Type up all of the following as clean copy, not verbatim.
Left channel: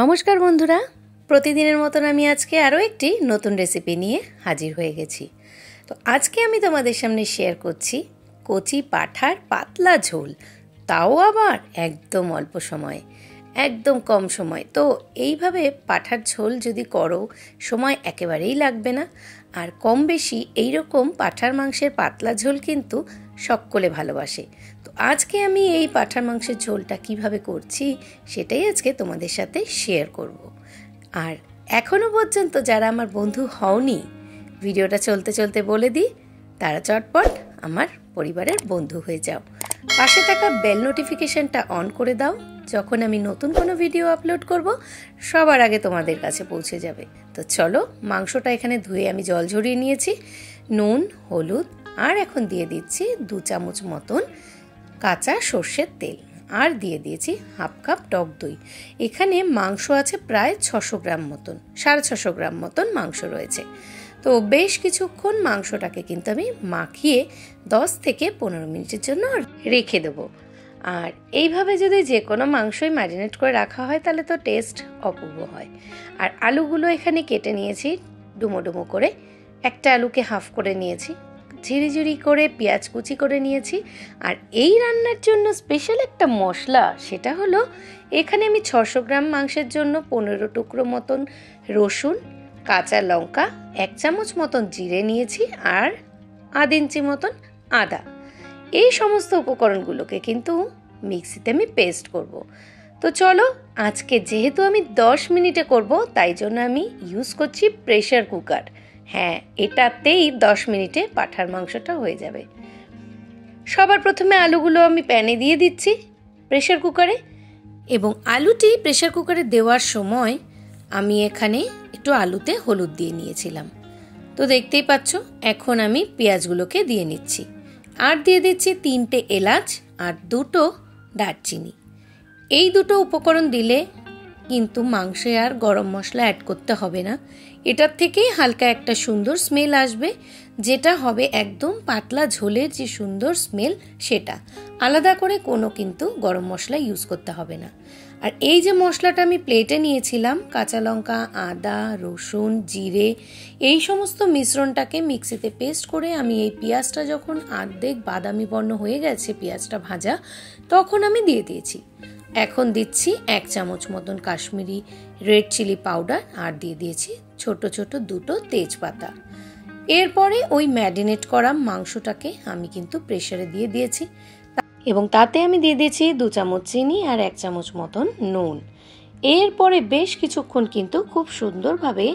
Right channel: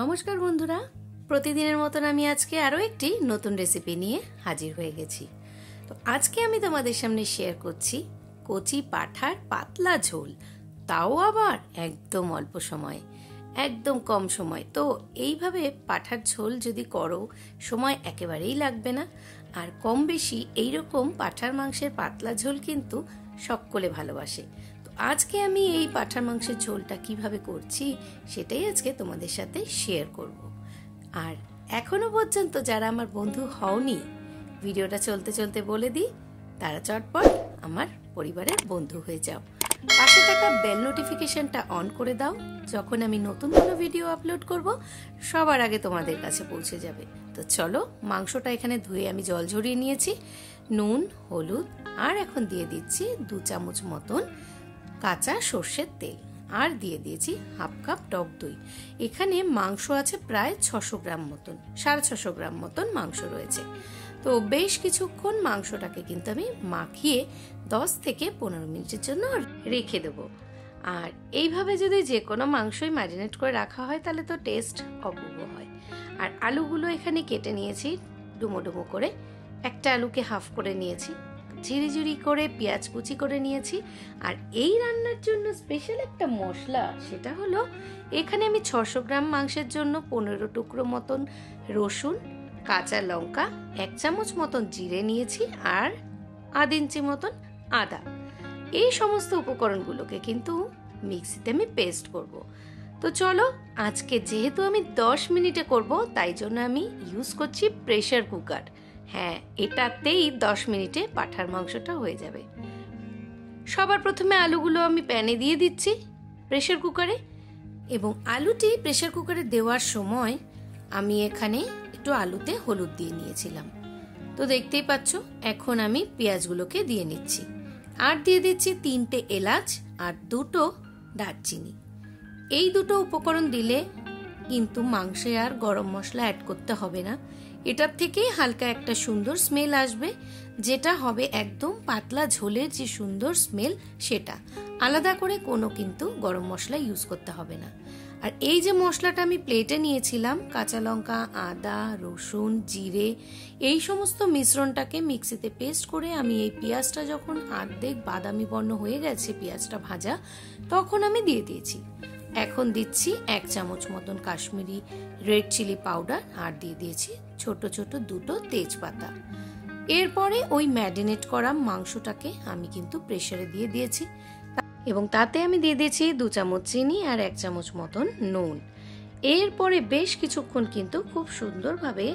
নমস্কার বন্ধুরা, প্রতিদিনের মতন আমি আজকে আরও একটি নতুন রেসিপি নিয়ে হাজির হয়ে গেছি। তো আজকে আমি তোমাদের সামনে শেয়ার করছি কচি পাঁঠার পাতলা ঝোল, তাও আবার একদম অল্প সময়ে, একদম কম সময়। তো এইভাবে পাঁঠার ঝোল যদি করো, সময় একেবারেই লাগবে না। আর কম বেশি এইরকম পাঁঠার মাংসের পাতলা ঝোল কিন্তু সকলে ভালোবাসে। আজকে আমি এই পাঁঠার মাংসের ঝোলটা কিভাবে করছি সেটাই আজকে তোমাদের সাথে শেয়ার করব। আর এখনো পর্যন্ত যারা আমার বন্ধু হওনি, ভিডিওটা চলতে চলতে বলে দিই, তারা চটপট আমার পরিবারের বন্ধু হয়ে যাও। পাশে থাকা বেল নোটিফিকেশনটা অন করে দাও, যখন আমি নতুন কোনো ভিডিও আপলোড করব সবার আগে তোমাদের কাছে পৌঁছে যাবে। তো চলো, মাংসটা এখানে ধুয়ে আমি জল ঝরিয়ে নিয়েছি, নুন, হলুদ আর এখন দিয়ে দিচ্ছি 2 চামচ মতন কাঁচা সর্ষের তেল, আর দিয়ে দিয়েছি হাফ কাপ টক দই। এখানে মাংস আছে প্রায় 600 গ্রাম মতন, 650 গ্রাম মতন মাংস রয়েছে। তো বেশ কিছুক্ষণ মাংসটাকে কিন্তু আমি মাখিয়ে 10 থেকে 15 মিনিটের জন্য রেখে দেবো। আর এইভাবে যদি যে কোনো মাংসই ম্যারিনেট করে রাখা হয় তাহলে তো টেস্ট অপূর্ব হয়। আর আলুগুলো এখানে কেটে নিয়েছি ডুমো ডুমো করে, একটা আলুকে হাফ করে নিয়েছি, ঝিরিঝিরি করে পেঁয়াজ কুচি করে নিয়েছি। আর এই রান্নার জন্য স্পেশাল একটা মশলা, সেটা হলো এখানে আমি 600 গ্রাম মাংসের জন্য 15 টুকরো মতন রসুন, কাঁচা লঙ্কা, 1 চামচ মতন জিরে নিয়েছি, আর আধা ইঞ্চি মতন আদা। এই সমস্ত উপকরণগুলোকে কিন্তু মিক্সিতে আমি পেস্ট করব। তো চলো, আজকে যেহেতু আমি 10 মিনিটে করব, তাই জন্য আমি ইউজ করছি প্রেসার কুকার। হ্যাঁ, এটাতেই 10 মিনিটে পাঁঠার মাংসটা হয়ে যাবে। সবার প্রথমে আলুগুলো আমি প্যানে দিয়ে দিচ্ছি প্রেসার কুকারে, এবং আলুটি প্রেসার কুকারে দেওয়ার সময় আমি এখানে একটু আলুতে হলুদ দিয়ে নিয়েছিলাম। তো দেখতেই পাচ্ছ, এখন আমি পেঁয়াজগুলোকে দিয়ে নিচ্ছি, আর দিয়ে দিচ্ছি 3টে এলাচ আর 2টো দারচিনি। এই দুটো উপকরণ দিলে কিন্তু মাংসে আর গরম মশলা অ্যাড করতে হবে না। এটার থেকেই হালকা একটা সুন্দর স্মেল আসবে, যেটা হবে একদম পাতলা ঝোলের যে সুন্দর স্মেল, সেটা আলাদা করে কোনো কিন্তু গরম মশলা ইউজ করতে হবে না। আর এই যে মশলাটা আমি প্লেটে নিয়েছিলাম, কাঁচা লঙ্কা, আদা, রসুন, জিরে, এই সমস্ত মিশ্রণটাকে মিক্সিতে পেস্ট করে আমি এই পেঁয়াজটা যখন অর্ধেক বাদামি বর্ণ হয়ে গেছে, পেঁয়াজটা ভাজা, তখন আমি দিয়ে দিয়েছি। এখন দিচ্ছি 1 চামচ মতন কাশ্মীরি রেড চিলি পাউডার, আর দিয়ে দিয়েছি ছোট ছোট 2টো তেজপাতা। এরপরে ওই ম্যারিনেট করা মাংসটাকে আমি কিন্তু প্রেসারে দিয়ে দিয়েছি, এবং তাতে আমি দিয়ে দিয়েছি 2 চামচ চিনি আর 1 চামচ মতন নুন। এরপরে বেশ কিছুক্ষণ কিন্তু খুব সুন্দরভাবে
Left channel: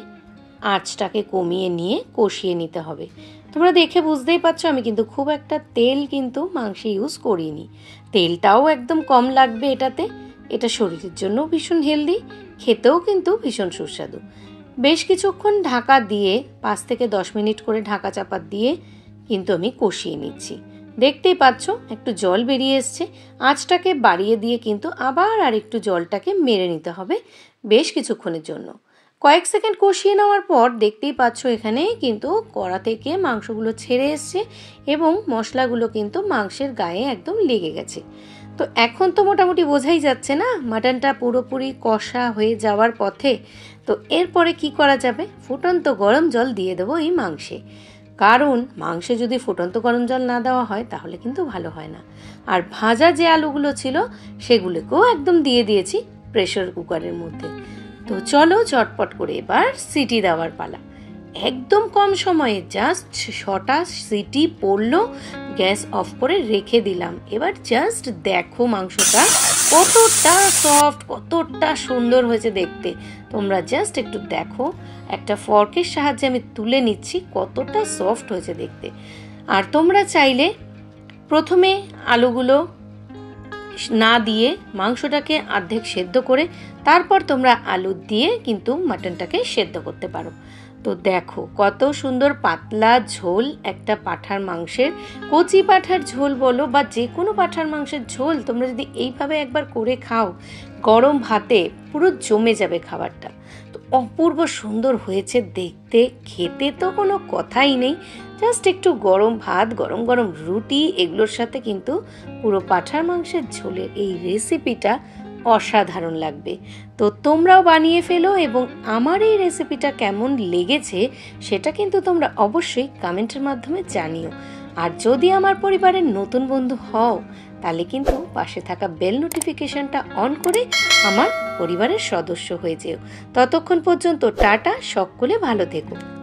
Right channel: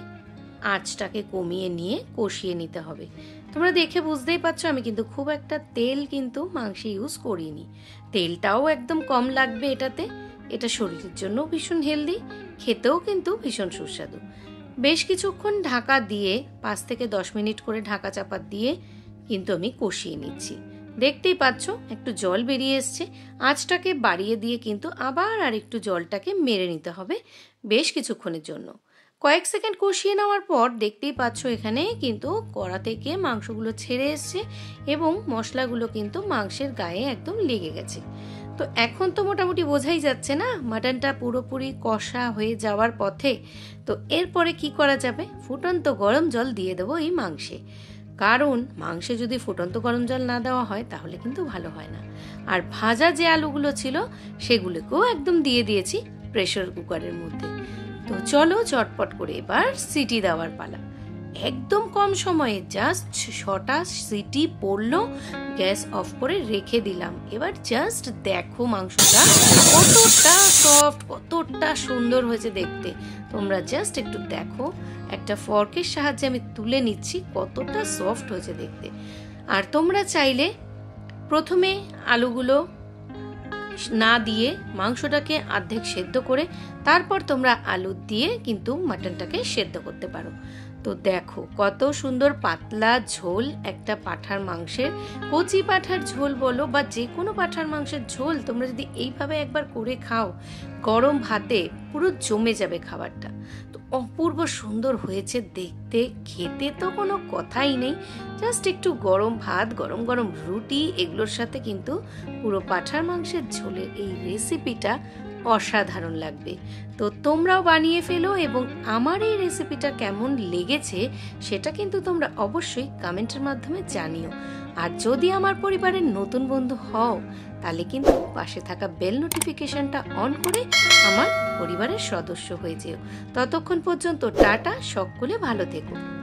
আঁচটাকে কমিয়ে নিয়ে কষিয়ে নিতে হবে। তোমরা দেখে বুঝতেই পারছো আমি কিন্তু খুব একটা তেল কিন্তু মাংসে ইউজ করিনি। তেলটাও একদম কম লাগবে এটাতে। এটা শরীরের জন্য ভীষণ হেলদি, খেতেও কিন্তু ভীষণ সুস্বাদু। বেশ কিছুক্ষণ ঢাকা দিয়ে 5 থেকে 10 মিনিট করে ঢাকা চাপা দিয়ে কিন্তু আমি কষিয়ে নিচ্ছি। দেখতেই পাচ্ছ একটু জল বেরিয়ে এসছে। আঁচটাকে বাড়িয়ে দিয়ে কিন্তু আবার আর একটু জলটাকে মেরে নিতে হবে বেশ কিছুক্ষণের জন্য। কয়েক সেকেন্ড কষিয়ে নেওয়ার পর দেখতেই পাচ্ছ এখানে কিন্তু কড়া থেকে মাংসগুলো ছেড়ে এসছে, এবং মশলাগুলো কিন্তু মাংসের গায়ে একদম লেগে গেছে। তো এখন তো মোটামুটি বোঝাই যাচ্ছে না, মাটনটা পুরোপুরি কষা হয়ে যাওয়ার পথে। তো এরপরে কি করা যাবে, ফুটন্ত গরম জল দিয়ে দেবো এই মাংসে। কারণ মাংসে যদি ফুটন্ত গরম জল না দেওয়া হয় তাহলে কিন্তু ভালো হয় না। আর ভাজা যে আলুগুলো ছিল সেগুলোকেও একদম দিয়ে দিয়েছি প্রেসার কুকারের মধ্যে। তো চলো চটপট করে এবার সিটি দেওয়ার পালা। একদম কম সময়ে জাস্ট 6টা সিটি পড়লো, গ্যাস অফ করে রেখে দিলাম। এবার জাস্ট দেখো মাংসটা কতটা সফট, কতটা সুন্দর হয়েছে দেখতে। তোমরা জাস্ট একটু দেখো, একটা ফর্কের সাহায্যে আমি তুলে নিচ্ছি কতটা সফট হয়েছে দেখতে। আর তোমরা চাইলে প্রথমে আলুগুলো না দিয়ে মাংসটাকে অর্ধেক সেদ্ধ করে তারপর তোমরা আলু দিয়ে কিন্তু মাটনটাকে সেদ্ধ করতে পারো। তো দেখো কত সুন্দর পাতলা ঝোল একটা পাঁঠার মাংসের। কচি পাঁঠার ঝোল বলো বা যে কোনো পাঁঠার মাংসের ঝোল তোমরা যদি এইভাবে একবার করে খাও, গরম ভাতে পুরো জমে যাবে খাবারটা। তো অপূর্ব সুন্দর হয়েছে দেখতে, খেতে তো কোনো কথাই নেই। জাস্ট একটু গরম ভাত, গরম গরম রুটি, এগুলোর সাথে কিন্তু পুরো পাঁঠার মাংসের ঝোলের এই রেসিপিটা অসাধারণ লাগবে। তো তোমরাও বানিয়ে ফেলো এবং আমার এই রেসিপিটা কেমন লেগেছে সেটা কিন্তু তোমরা অবশ্যই কমেন্টের মাধ্যমে জানিও। আর যদি আমার পরিবারের নতুন বন্ধু হও তাহলে কিন্তু পাশে থাকা বেল নোটিফিকেশনটা অন করে আমার পরিবারের সদস্য হয়ে যেও। ততক্ষণ পর্যন্ত টাটা, সকলে ভালো থেকো।